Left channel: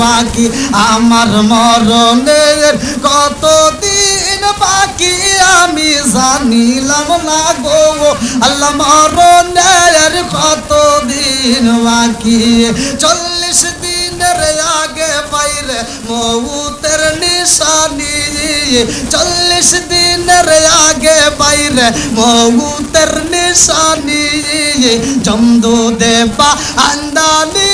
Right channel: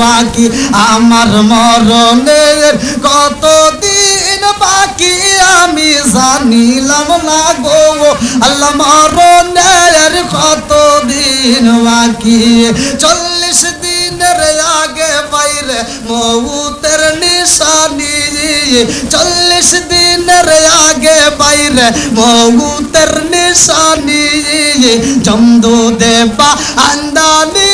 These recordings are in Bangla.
বাকি আমার মরণের কতদিন বাকি আমি জানিলাম না গো আল্লাহ মরণের কতদিন বাকি 40 দিনের আগে বাইরে মউতের নিশানি 40 দিনের আগে বাইরে মউতের নিশানি জমদু দেবা আন্দানি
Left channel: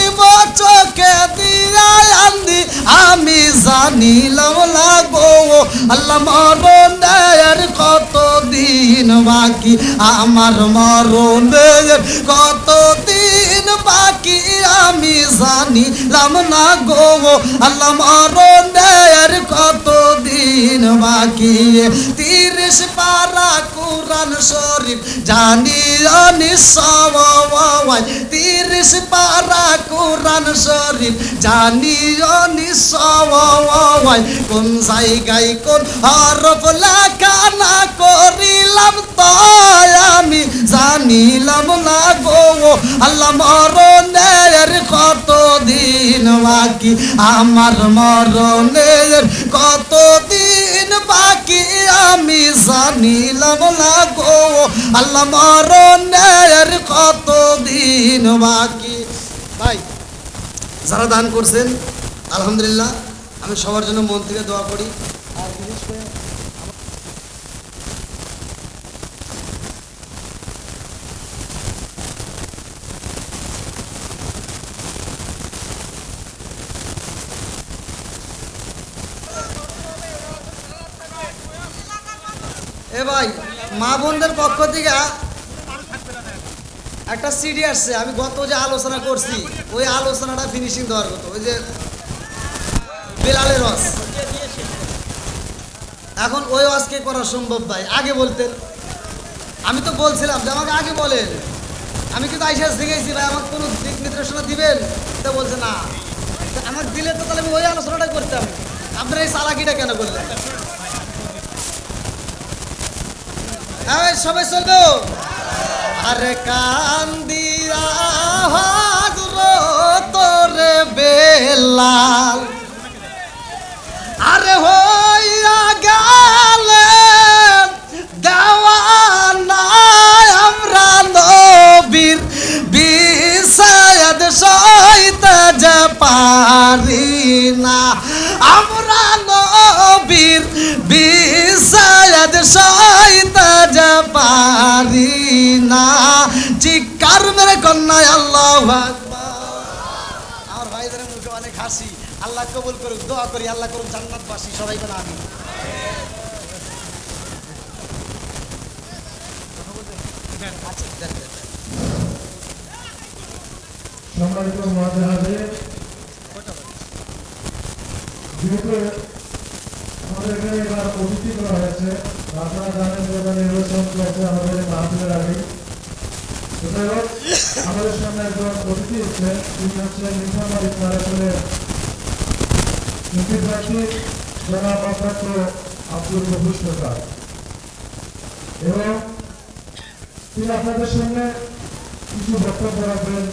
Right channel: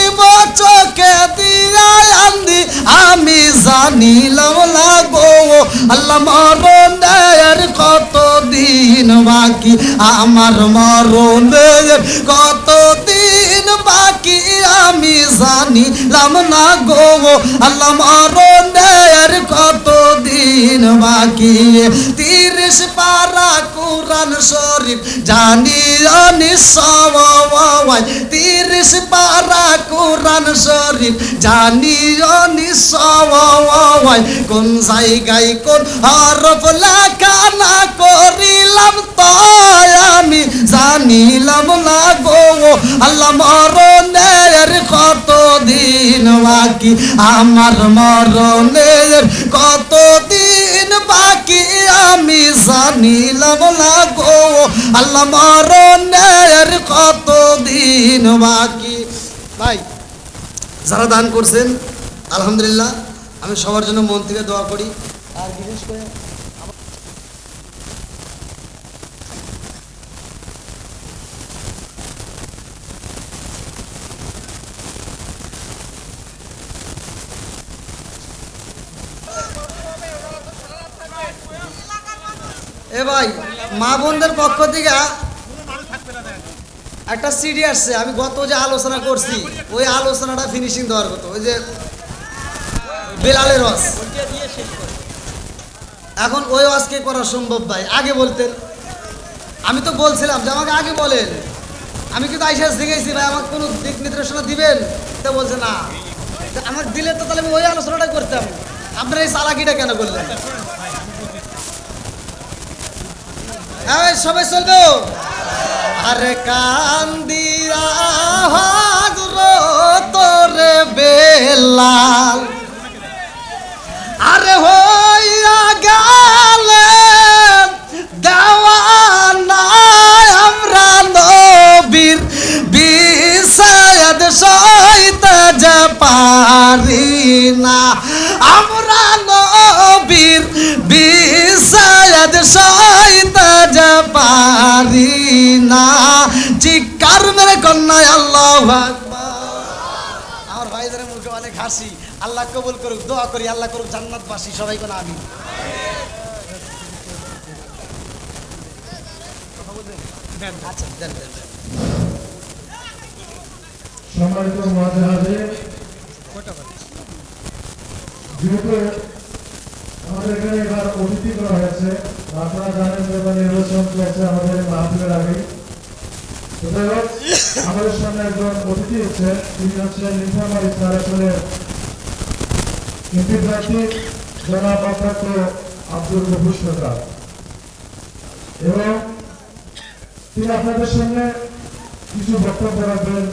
চোখে দিয়া আন্দি আমি জানিলাম না গো আল্লাহ মরণের কতদিন বাকি আমার মরণের কতদিন বাকি আমি জানিলাম না গো আল্লাহ মরণের কতদিন বাকি 30 পারা কুরআন শরীফ জানিও নিশ্চয় 30 পারা কুরআন শরীফ জানিও নিশ্চয় কোন জায়গায় কোন হরফ লেখা না করিলাম তো আমি জানিলাম না গো আল্লাহ মরণের কতদিন বাকি আমার মরণের কতদিন বাকি আমি জানিলাম না গো আল্লাহ মরণের কতদিন বাকি ভাই যারা দান করছেন আলহামদুলিল্লাহ আমি সবার জন্য মন থেকে দোয়া করি আর বিশেষ করে এ ভাই মা বোনদের পক্ষ থেকে একটা সিডি আসছে আমি গত যে আলোচনা করছি ওই আলোচনাটা ফিনিশিং দেওয়ার কথা ওই যে বেলালের ওয়াজ এখন ওই ওয়াজ কে করা সম্ভব ভাই আগে বলতেন আমি তো বলছিলাম যে আমাকে আগে বলেন আমি কিন্তু আইসা শিখেছি ভাই আমাকে কোনো দিক নির্দেশনা দিবেন তা বলছে না আমাকে দিলে তো তাহলে আমি ওই আলোচনাটা করতাম আপনারা এই চালাকিটা কেন করলেন সবাই চলবে আরে কান্দিয়া তোরে বেলাল আরে হইয়া গেলে দেওয়ানা আমরা নবীর বিষাদ সইতে যে পারি না আমরা নবীর বিষাদ সইতে যে পারি না চিৎকার মেরে কন্যায় আল্লাহু আকবার আমার ভাইদের মুখে অনেক হাসি আল্লাহ কবুল করুক দোয়া করি আল্লাহ করুক জান্নাতবাসী সবাই কোন আমিন কথা বলবেন আচ্ছা দেন সম্মানিত মুআজ্জিন যেহেতু আমাদের এখানে এবার অতিথি করা হয়েছে আপনারা জানেন যে নির্বাচন চলছে আমাদের মাহফিলের আগে তো যাই হোক আমাদের সামনে একজন অতিথি হচ্ছেন তিনি হচ্ছেন নীলফামারী 4 আসনের এমপি প্রার্থী জনাব অধ্যক্ষ আব্দুল গফুর সরকার এবং তিনি আপনাদের সামনে কিছু বক্তব্য রাখবেন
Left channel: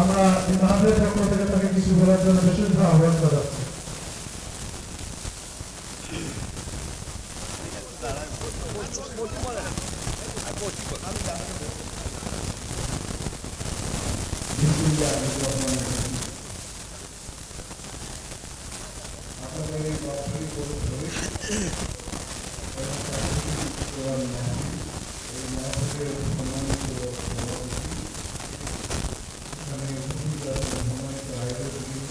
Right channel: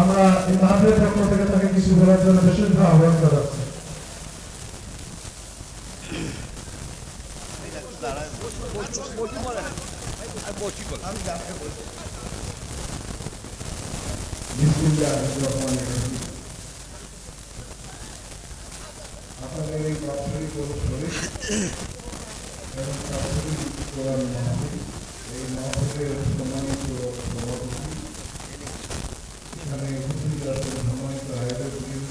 আমরা এই মাহফিলের পক্ষ থেকে তাকে কিছু বলার জন্য বিশেষভাবে আহ্বান জানাচ্ছি আপনাদের এই বাৎসরিক অনুষ্ঠানে এবং তাফসীর কোরআন মাহফিল এই মাহফিলের সম্মানিত সভাপতি এখানে উপস্থিত আছেন সম্মানিত আয়োজকবৃন্দ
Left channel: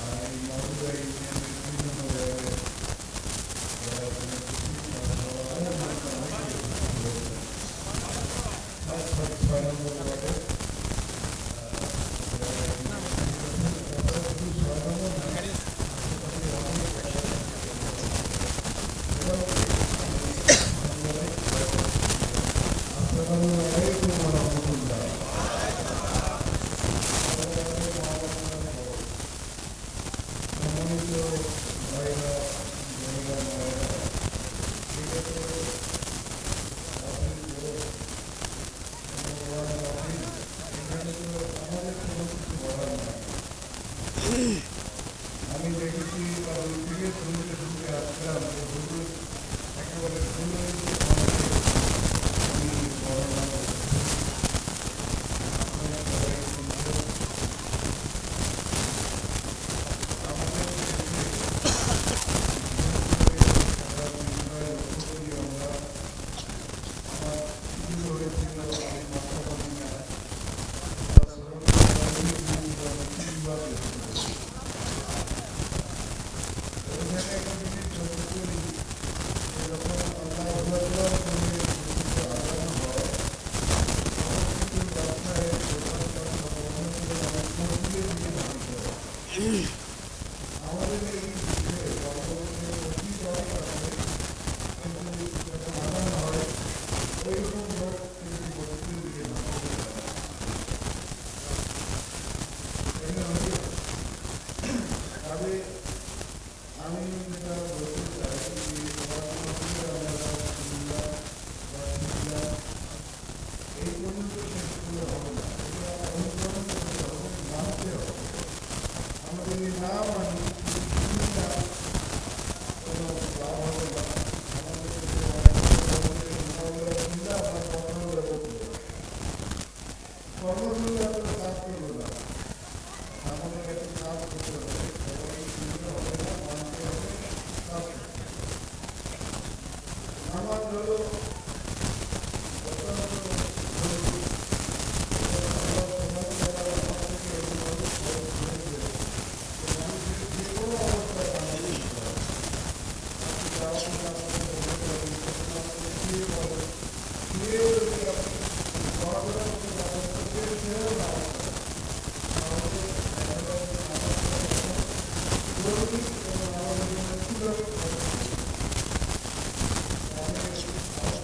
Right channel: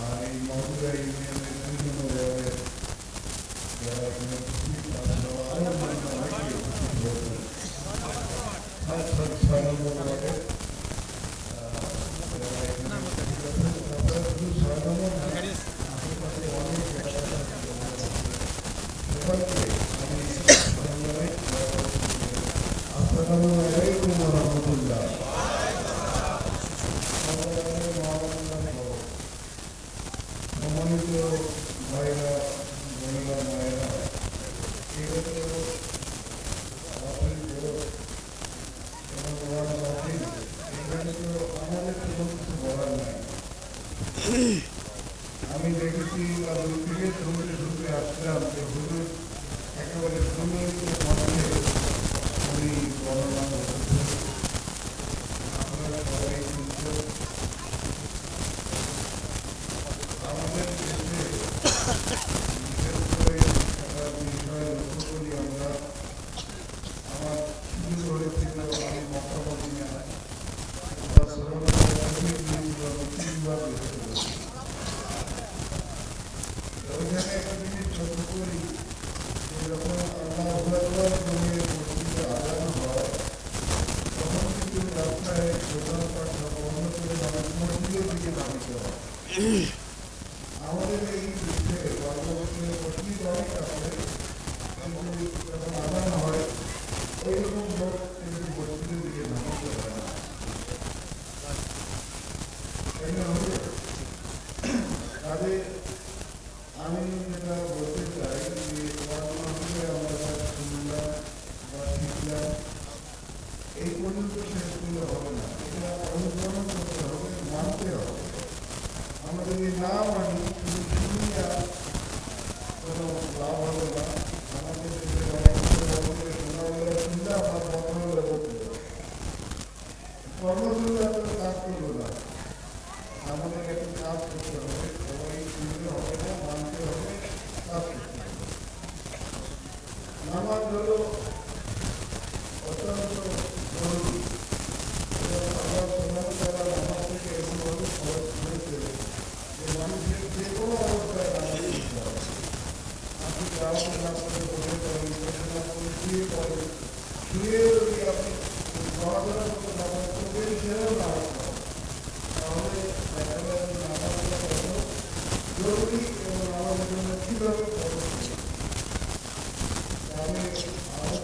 আর এই মাহফিলা ইউনিয়নের 2 নম্বর ওয়ার্ডের যারা এখানে উপস্থিত তারা অনেকে উপস্থিত হয়েছেন 6 নম্বর ওয়ার্ডের যারা এখানে উপস্থিত আছেন তারা শুধু 6 নম্বর আশেপাশে অনেক সবাইকে আমি জানাই আসসালামু আলাইকুম ওয়া রাহমাতুল্লাহ সম্মানিত ভাইরা বোনেরা মায়েরা এটা তো এবং এখানে তো আমাদের কোনো কিছু বলার নাই সব বন্ধ করে মানুষ মসজিদের দিকে ধাবিত হয়। আমাদের এই দেশে বাংলাদেশে মসজিদ অনেক আছে, কিন্তু যখন আদান হয় ওইরকম লোক কিন্তু মসজিদের দিকে ধাবিত হয় না। তাই না হবে? কাজে আমি যেটা বলতে চাই যে ওয়াজ মাহফিলে আমরা যা শুনলাম বা শিখলাম এই পর্যন্ত শেষ করলে হবে না, এটা অনুকরণ করতে হবে, মানতে হবে। আমরা যদি না মানি, শুধু শুনি আর কোনো লাভ হবে না। আমাদের দেশে অনেক লোকে বলে যে শোনা হলে শুনলে আমার কথা হলে বলবে, কর্মসূচি আপনার কাজ করবে না। আমাদের একটু কাজ করতে হবে, সবাই শুনলে হবে না, মানতে হবে, কাজ করতে হবে। নামাজ হলো অত্যন্ত জরুরি এবং আল্লাহ সুবহানাহু ওয়া তাআলা নামাজ থেকে এমনভাবে খরচ করেছে যে মানুষের যে কোনো অবস্থায় নামাজ পড়তে হবে। আপনি দাওয়াতে না করে বসে পড়েন, বসে না করে শুয়ে পড়েন, শুয়েও যদি আপনি নড়াচড়া করতে না পারেন, চোখের সেরেও নামাজ পড়েন, তাহলে দেখা যায় যে নামাজটা কত জরুরি এবং আমাদের জন্য কীভাবে খরচ করেছে। আমি আরো